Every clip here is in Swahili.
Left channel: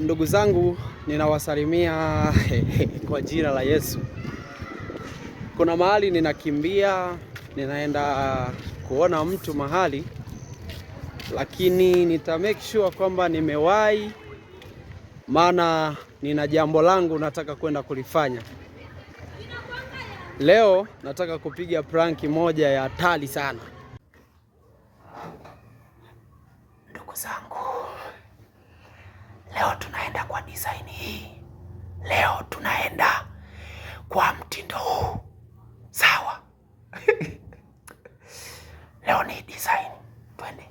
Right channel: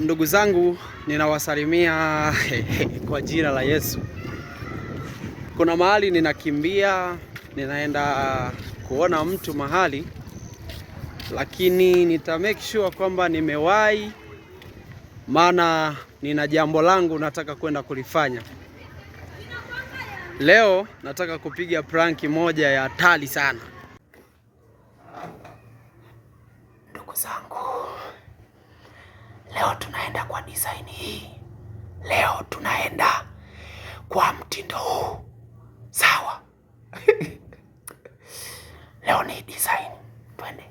Ndugu zangu, ninawasalimia kwa jina la Yesu. Kuna mahali ninakimbia, ninaenda kuona mtu mahali, lakini nita make sure kwamba nimewahi, maana nina jambo langu nataka kwenda kulifanya. Leo nataka kupiga prank moja ya hatari sana. Ndugu zangu, leo tunaenda kwa design hii. Leo tunaenda kwa mtindo huu. Sawa. Leo ni design. Twende.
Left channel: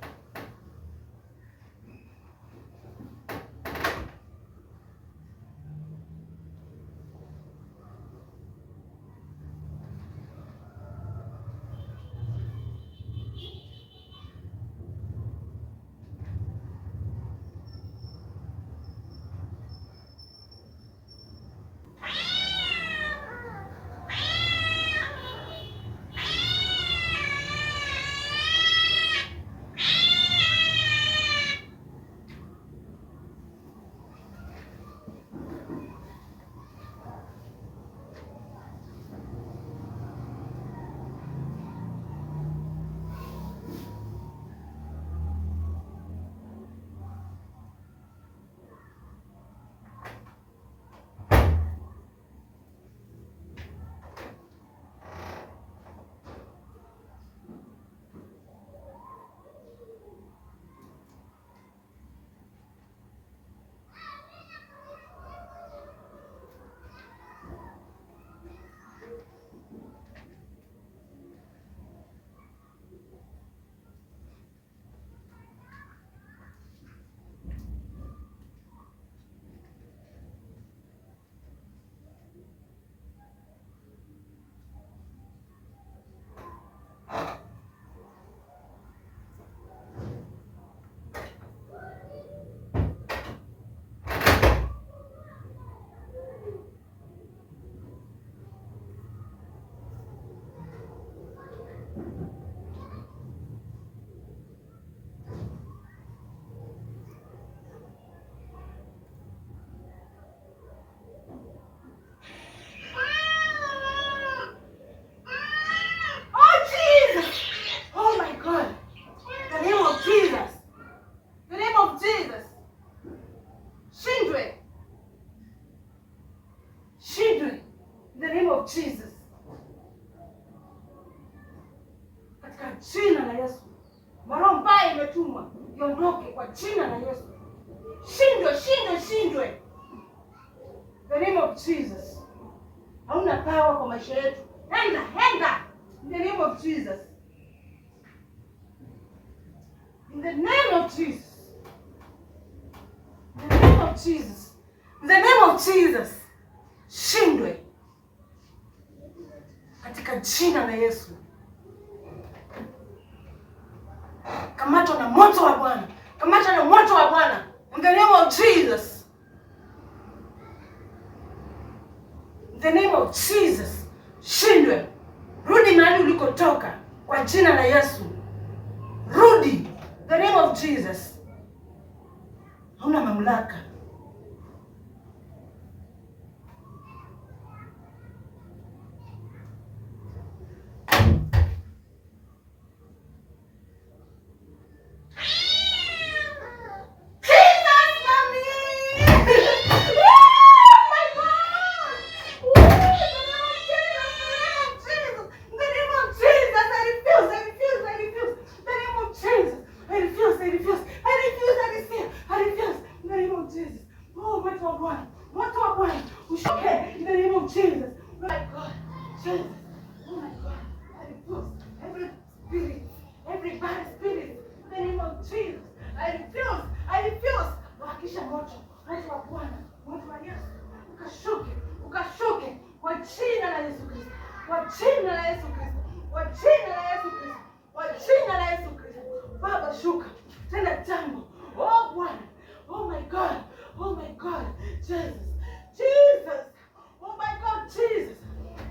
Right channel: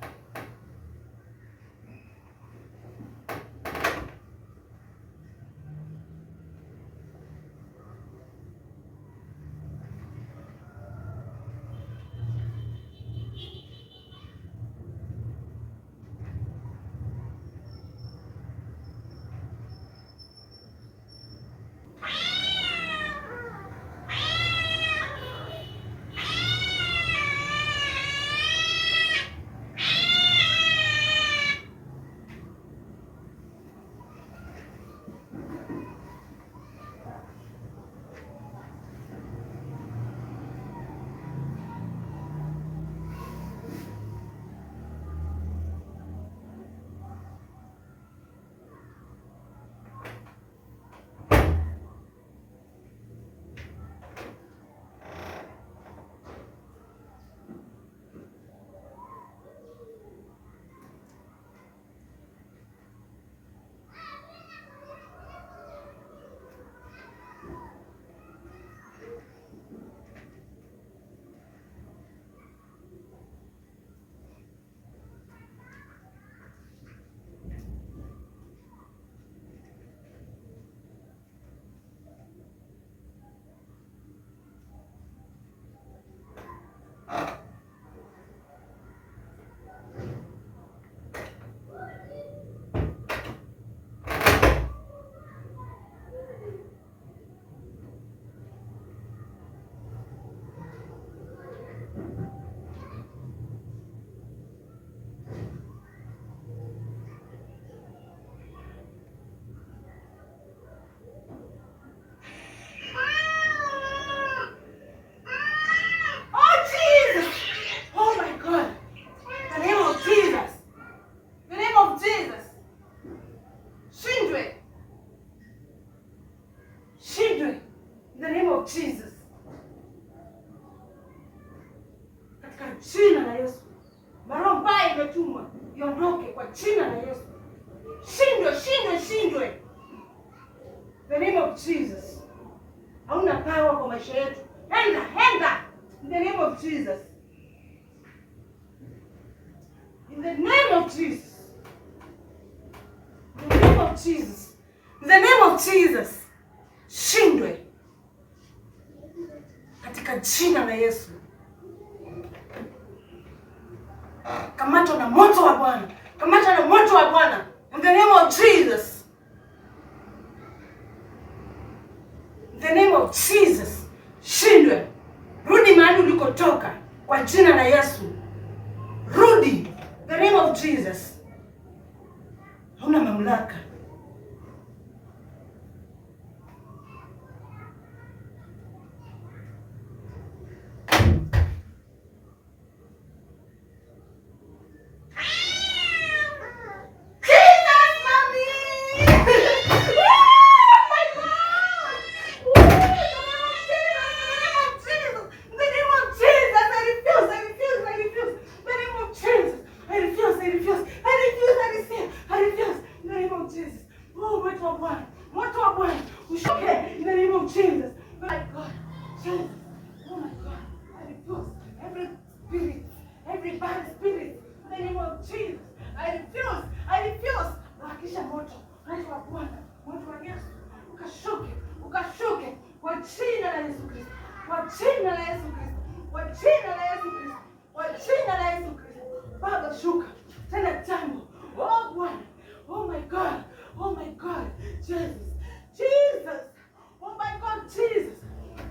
Jesus. Katika jina la Yesu. Roho mbaya imetumwa iondoke kwa jina la Yesu. Shindwe. The name of Jesus. Hauna power kwa maisha yetu. Enda. In the name of Jesus. In the name of Jesus. In the name of Jesus. In the name of Jesus. Shindwe. Katika jina la Yesu. Kamatwa na moto wa Bwana. In the name of Jesus. In the name of Jesus. Shindwe. Rudi mahali ulikotoka kwa jina la Yesu. Rudi. In the name of Jesus. Hauna mamlaka. Every bad spirit, in the name of Jesus, I refuse. Wakisha moto wa Bwana, moto wa Yesu, ukashuke kwa jina la Yesu Kristo, kwa jina la Yesu Kristo. Baba shuka tena jambo. Oh Bwana, oh my God, Jesus, oh my God, Jesus,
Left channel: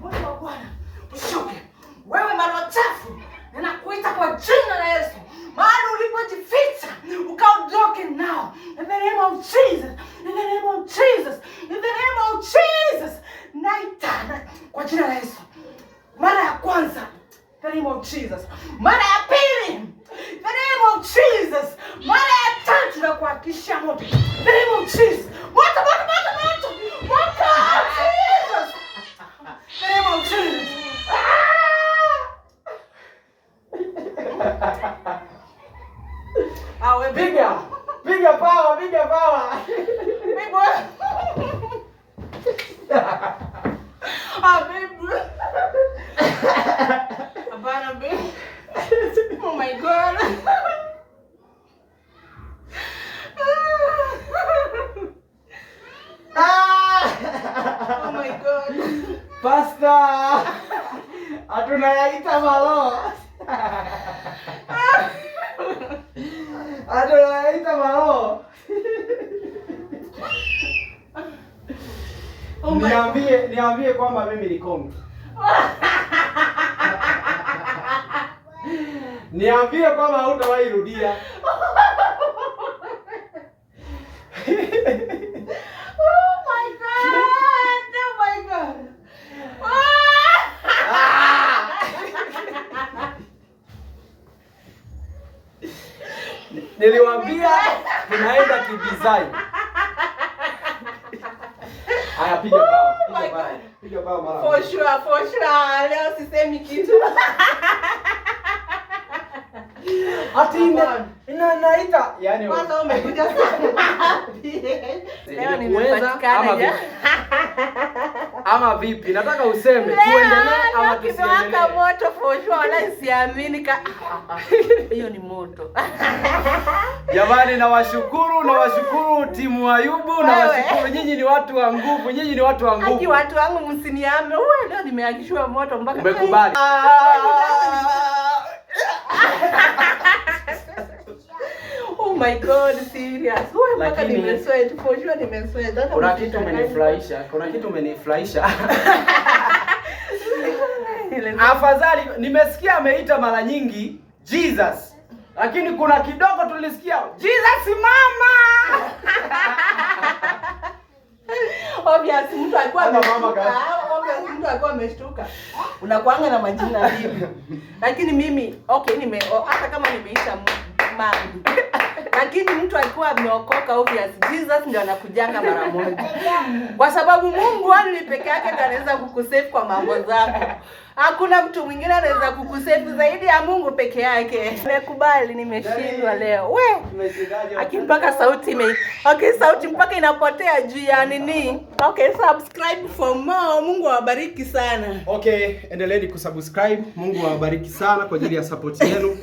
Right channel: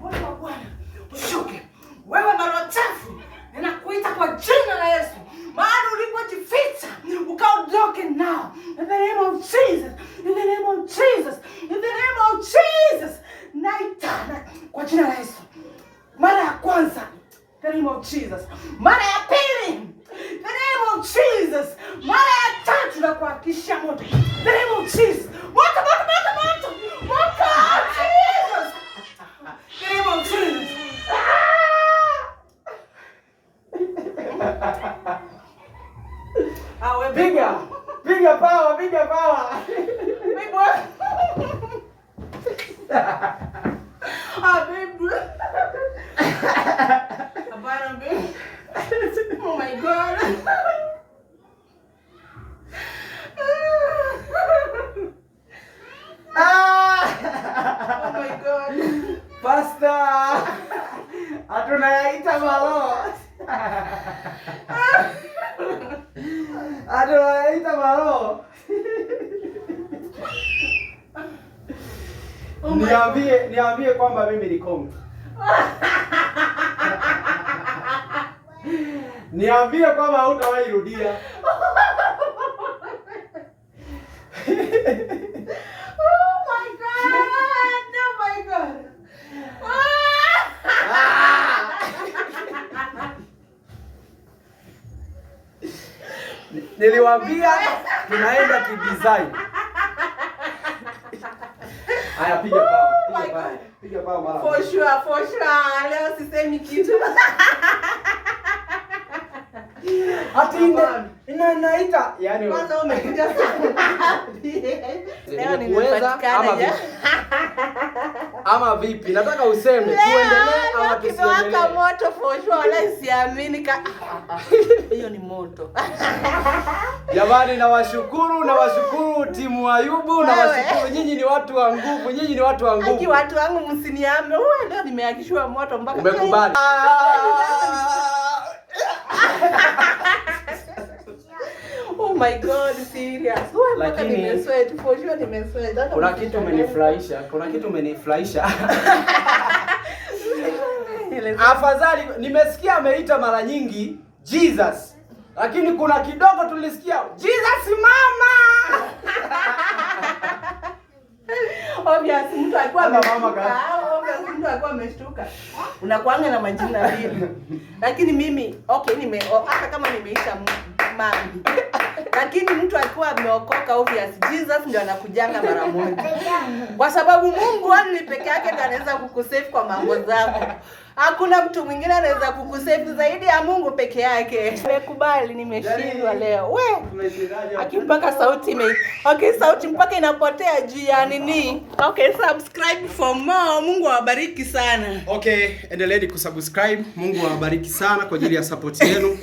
moto wa Bwana ushuke. Wewe mara chafu, ninakuita kwa jina la Yesu. Mahali ulipojificha, ukaondoke now. In the name of Jesus. The name of Jesus. Moto, moto, moto, moto. Moto. Jesus. The name of Jesus. Piga power, piga power. Big boy. Baby. Abana, baby. Oh my God. Oh my God. Pastor. Hatuna yaita malo. Hatuna yaita malo. Niambie kwamba mimi ni kongi. Niambie kwamba hutawahi rudia. Oh my God. Oh my God. Niliwaambia tunaenda kidesign. Haya, piga pao. Piga pao mara. For sure. Leo sisemi kitu. Ati inaita yani kwanza umekuja sana. Leo nimepatikana ya. Ama vipi? Nataka useme tuendelee ama tusiendelee. Kimewaka moto for sure, wala siamini hiyo ni moto. Jamani, nawashukuru timu Ayubu, nawashukuru nyinyi ni watu wa nguvu, Aki watu wangu msiniame. Leo nimeakishwa moto mpaka umekubali. Oh my God, serious. Mpaka nimesweat, for sure nimesweat. Kuna kitu umenifurahisha. Afadhali nimesikia ameita mara nyingi Jesus. Lakini kuna kidogo tulisikia Jesus mama. Obviously mtu alikuwa ameshtuka. Unakuanga na majina mbili. Lakini mimi hata kama nimeita mama. Lakini mtu alikuwa ameokoka, obvious Jesus ndio anakujanga mara moja. Kwa sababu Mungu ni peke yake ndiye anaweza kukusave kwa mambo zako. Hakuna mtu mwingine anaweza kukusave zaidi ya Mungu peke yake. Nimekubali, nimeshindwa leo. Mpaka sauti sauti mpaka inapotea juu ya nini? Subscribe for more. Mungu awabariki sana. Endeleeni kusubscribe. Mungu awabariki sana kwa ajili ya support yenu.